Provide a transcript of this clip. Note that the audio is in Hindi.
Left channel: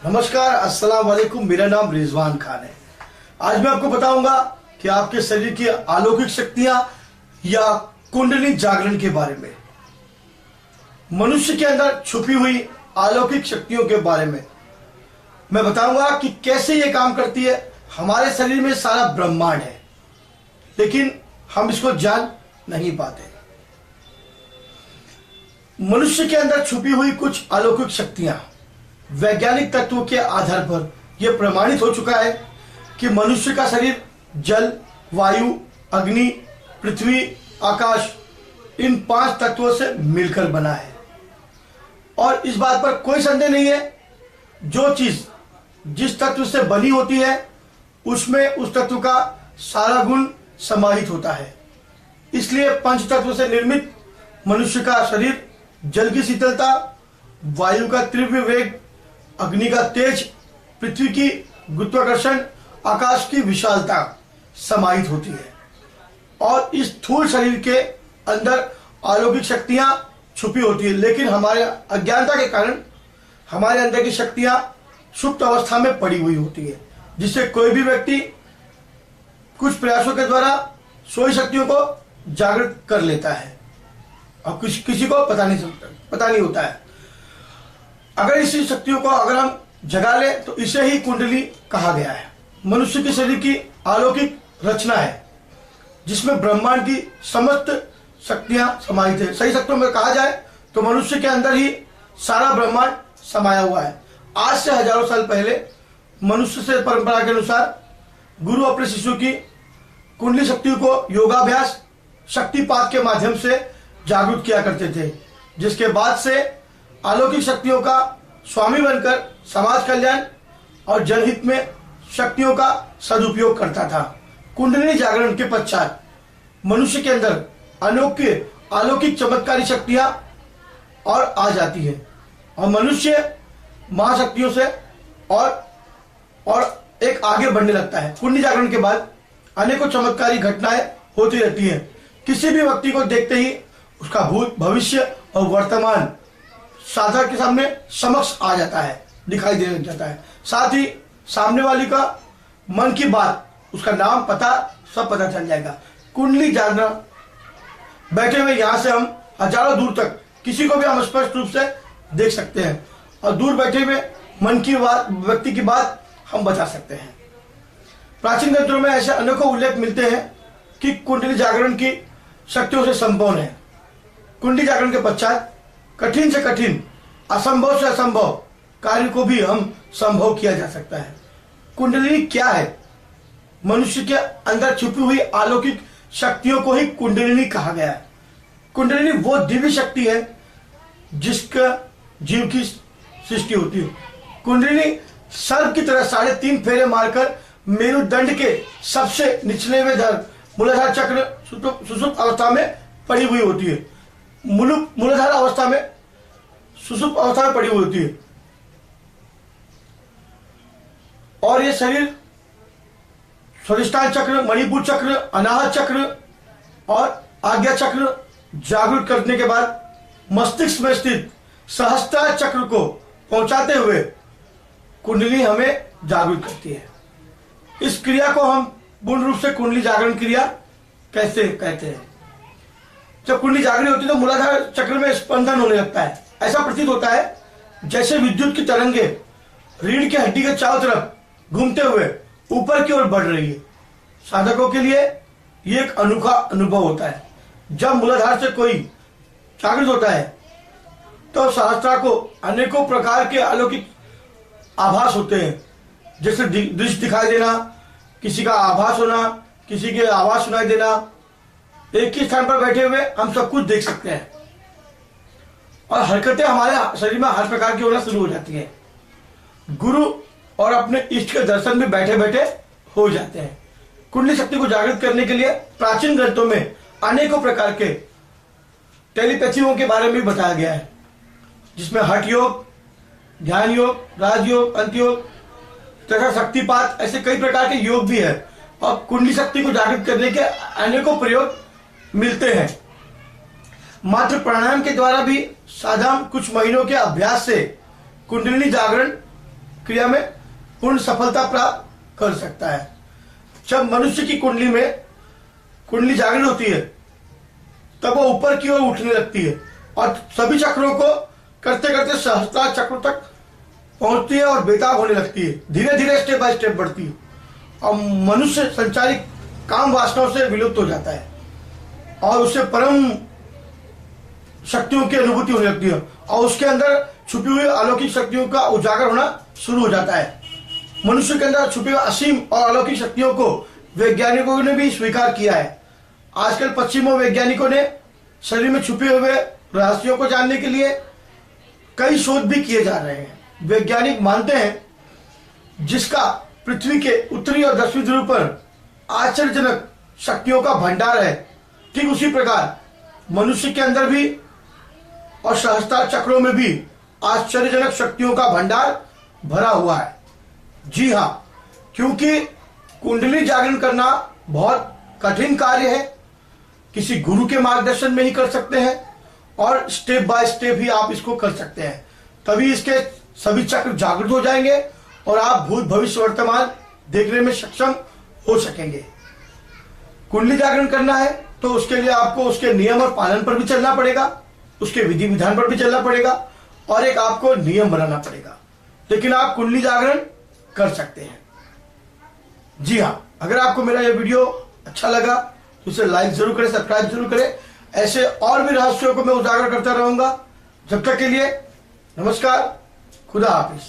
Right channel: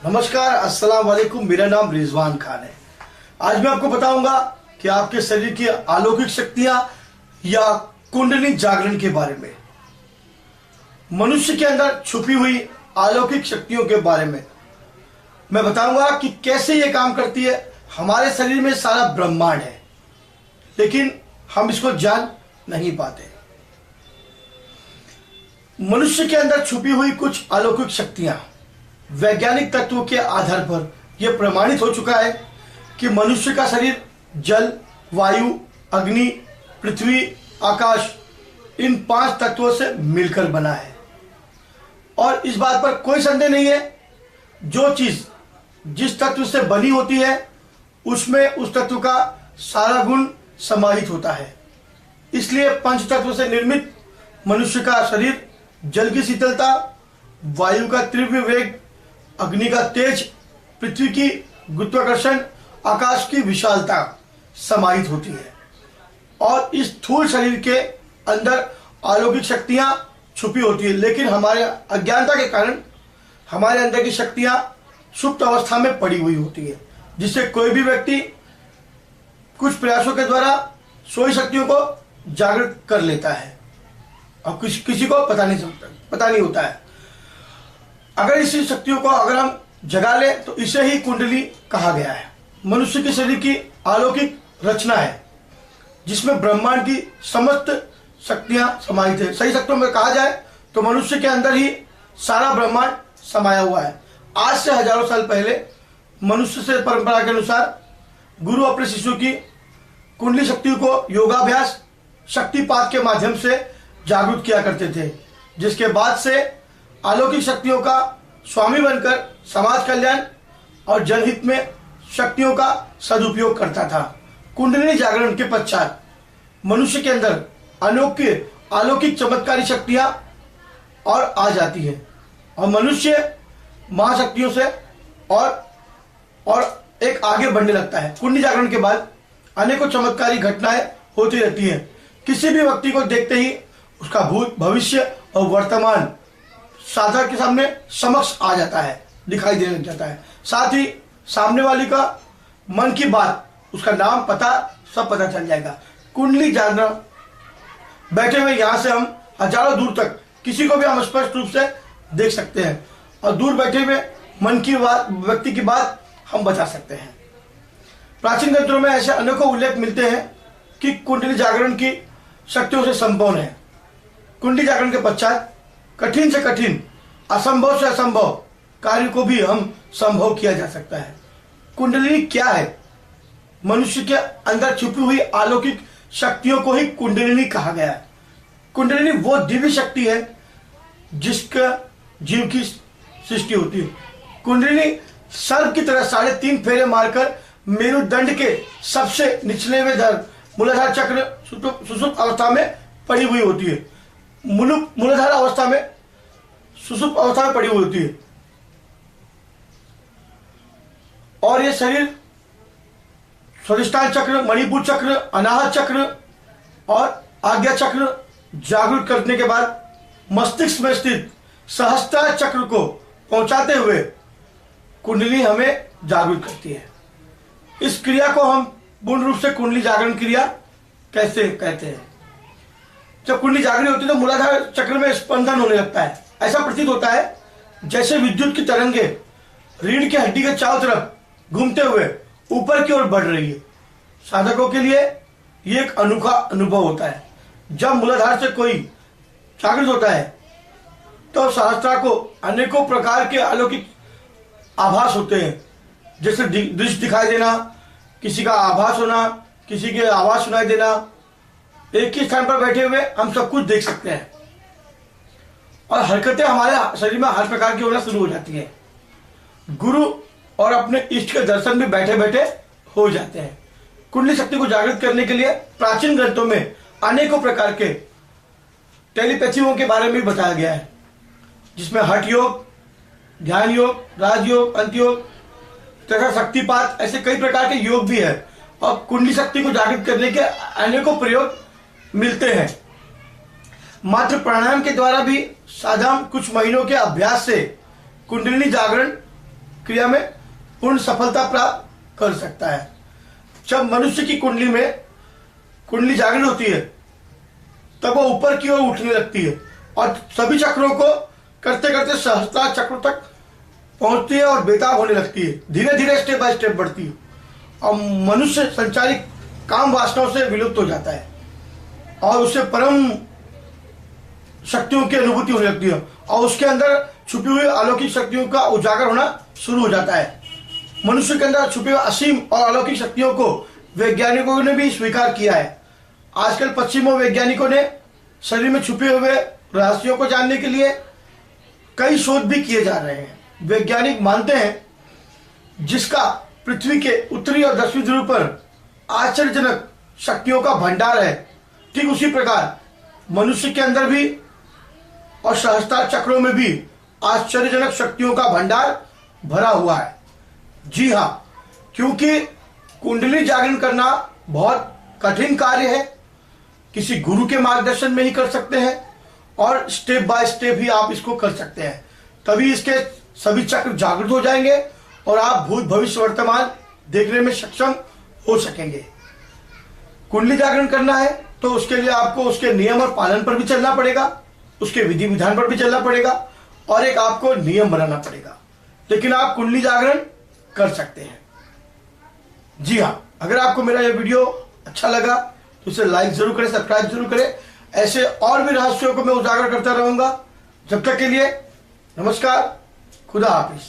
नमस्कार, अस्सलाम वालेकुम। मेरा नाम रिजवान खान है। आज मैं आपको बताऊंगा कि आपके शरीर की अलौकिक शक्तियां या कुंडली जागरण के बारे में, मनुष्य के अंदर छुपी हुई अलौकिक शक्तियों के बारे में मैं बताऊंगा कि कैसे ये काम करती है। हमारे शरीर में सारा ब्रह्मांड है, लेकिन हम इसको जान नहीं पाते। मनुष्य के अंदर छुपी हुई कुछ अलौकिक शक्तियां, वैज्ञानिक तत्वों के आधार पर यह प्रमाणित हो चुका है कि मनुष्य का शरीर जल, वायु, अग्नि, पृथ्वी, आकाश, इन 5 तत्वों से मिलकर बना है। और इस बात पर कोई संदेह नहीं है, जो चीज जिस तत्व से बनी होती है उसमें उस तत्व का सारा गुण समाहित होता है। इसलिए पंच तत्व से निर्मित मनुष्य का शरीर जल की शीतलता, वायु का तीव्र वेग, अग्नि का तेज, पृथ्वी की गुरुत्वाकर्षण, आकाश की विशालता समाहित होती है। और इस स्थूल शरीर के अंदर अलौकिक शक्तियां छुपी होती है, लेकिन हमारे अज्ञानता के कारण हमारे अंदर की शक्तियां सुप्त अवस्था में पड़ी हुई होती है, जिससे कोई भी व्यक्ति कुछ प्रयासों के द्वारा सोई शक्तियों को जागृत कर लेता है और किसी को पता नहीं होता है। अगर इसी शक्तियों को अगर हम जगा ले तो इसे ही कुंडली कहा गया है। मनुष्य के शरीर की अलौकिक रचना है, जिसमें ब्रह्मांड की समस्त शक्तियां समाहित है। सही शब्दों में कहा जाए तो मनुष्य के अंदर ही सारा ब्रह्मांड समाया हुआ है। आज से हजारों साल पहले मनुष्य से परंपरा के अनुसार गुरु अपने शिष्यों की कुंडली शक्ति को योगाभ्यास, शक्तिपात के माध्यम से जागरूक किया करते थे, जिसके बाद से अलौकिक शक्तियों का स्वामी बनकर समाज कल्याण और जनहित में शक्तियों का सदुपयोग करता था। कुंडली जागरण के पश्चात मनुष्य के अंदर अनोखे अलौकिक चमत्कारी शक्तियां और आ जाती है और मनुष्य महाशक्तियों से और एक आगे बढ़ने लगता है। कुंडली जागरण के बाद अनेकों चमत्कारी घटनाएं होती रहती हैं। किसी भी व्यक्ति को देखते ही उसका भूत, भविष्य और वर्तमान साधक के सामने समक्ष आ जाता है, दिखाई देने लग जाता है। साथ ही सामने वाली का मन की बात, उसका नाम, पता सब पता चल जाएगा। कुंडली जानना, बैठे हुए यहां से हम हजारों दूर तक किसी को भी हम स्पष्ट रूप से देख सकते हैं और दूर बैठे हुए मन की बात, व्यक्ति की बात हम बता सकते हैं। प्राचीन ग्रंथों में ऐसे अनेकों उल्लेख मिलते हैं कि कुंडली जागरण की शक्तियों से संपन्न है। कुंडली जागरण के पश्चात कठिन से कठिन, असंभव से असंभव कार्य को भी हम संभव किया जा सकता है। कुंडलिनी क्या है? मनुष्य के अंदर छुपी हुई अलौकिक शक्तियों को ही कुंडलिनी कहा गया है। कुंडलिनी वो दिव्य शक्ति है जिसका जीव की सृष्टि होती है। कुंडलिनी सर्प की तरह 3.5 फेरे मारकर मेरुदंड के सबसे निचले में मूलाधार चक्र सुषुप्त अवस्था में पड़ी हुई होती है। मूलाधार अवस्था में सुषुप्त अवस्था में पड़ी हुई होती है और ये शरीर स्वादिष्ठान चक्र, मणिपुर चक्र, अनाहत चक्र और आज्ञा चक्र जागृत करने के बाद मस्तिष्क में स्थित सहस्त्रार चक्र को पहुंचाते हुए कुंडली हमें जागृत करती है। इस क्रिया को हम पूर्ण रूप से कुंडली जागरण क्रिया कैसे कहते हैं? जब कुंडली जागृत होती है तो मूलाधार चक्र में स्पंदन होने लगता है। ऐसा प्रतीत होता है जैसे विद्युत की तरंगे रीढ़ की हड्डी के चारों तरफ घूमते हुए ऊपर की ओर बढ़ रही है। साधकों के लिए ये एक अनोखा अनुभव होता है। जब मूलाधार से कोई जागृत होता है तो सहस्त्रा को अनेकों प्रकार के अलौकिक आभास होते हैं, जैसे दृश्य दिखाई देना, किसी का आभास होना, किसी के आवाज सुनाई देना। एक ही स्थान पर बैठे हुए हम सब कुछ देख सकते हैं और हरकतें हमारे शरीर में हर प्रकार की होना शुरू हो जाती है। गुरु और अपने इष्ट के दर्शन भी बैठे बैठे हो जाते हैं। कुंडली शक्ति को जागृत करने के लिए प्राचीन ग्रंथों में अनेकों प्रकार के टेलीपैथियों के बारे में बताया गया है, जिसमें हठ योग, ध्यान योग, राजयोग, अंतयोग तथा शक्तिपात, ऐसे कई प्रकार के योग भी है और कुंडली शक्ति को जागृत करने के अनेकों प्रयोग मिलते हैं। मात्र प्राणायाम के द्वारा भी साधारण कुछ महीनों के अभ्यास से कुंडलिनी जागरण क्रिया में पूर्ण सफलता प्राप्त कर सकता है। जब मनुष्य की कुंडली जागृत होती है तब वो ऊपर की ओर उठने लगती है और सभी चक्रों को करते करते सहस्त्रार चक्रों तक पहुंचती है और बेताब होने लगती है। धीरे धीरे स्टेप बाय स्टेप बढ़ती है और मनुष्य संचारित काम वासनाओं से विलुप्त हो जाता है और उससे परम शक्तियों की अनुभूति होने लगती है और उसके अंदर छुपी हुई अलौकिक शक्तियों का उजागर होना शुरू हो जाता है। मनुष्य के अंदर छुपी हुई असीम और अलौकिक शक्तियों को वैज्ञानिकों ने भी स्वीकार किया है। आजकल पश्चिमी वैज्ञानिकों ने शरीर में छुपे हुए रहस्यों को जानने के लिए कई शोध भी किए जा रहे हैं। वैज्ञानिक मानते हैं जिसका पृथ्वी के उत्तरी और दक्षिणी ध्रुव पर आश्चर्यजनक शक्तियों का भंडार है, ठीक उसी प्रकार मनुष्य के अंदर भी और सहस्त्रार चक्रों में भी आश्चर्यजनक शक्तियों का भंडार भरा हुआ है। जी हाँ, क्योंकि कुंडली जागरण करना बहुत कठिन कार्य है, किसी गुरु के मार्गदर्शन में ही कर सकते हैं और स्टेप बाय स्टेप ही आप इसको कर सकते हैं, तभी इसके सभी चक्र जागृत हो जाएंगे और आप भूत भविष्य वर्तमान देखने में सक्षम हो सकेंगे। कुंडली जागरण करना है तो उसके लिए आपको उसके नियम और पालन पर भी चलना पड़ेगा, उसके विधि विधान पर भी चलना पड़ेगा और एक आपको नियम बनाना पड़ेगा, लेकिन आप कुंडली जागरण कर सकते हैं। जी हाँ, अगर आपको मेरा यह वीडियो अच्छा लगा तो इसे लाइक जरूर करें, सब्सक्राइब जरूर करें। ऐसे और भी रहस्यों को मैं उजागर करता रहूंगा। जब तक के लिए नमस्कार, खुदा हाफिज।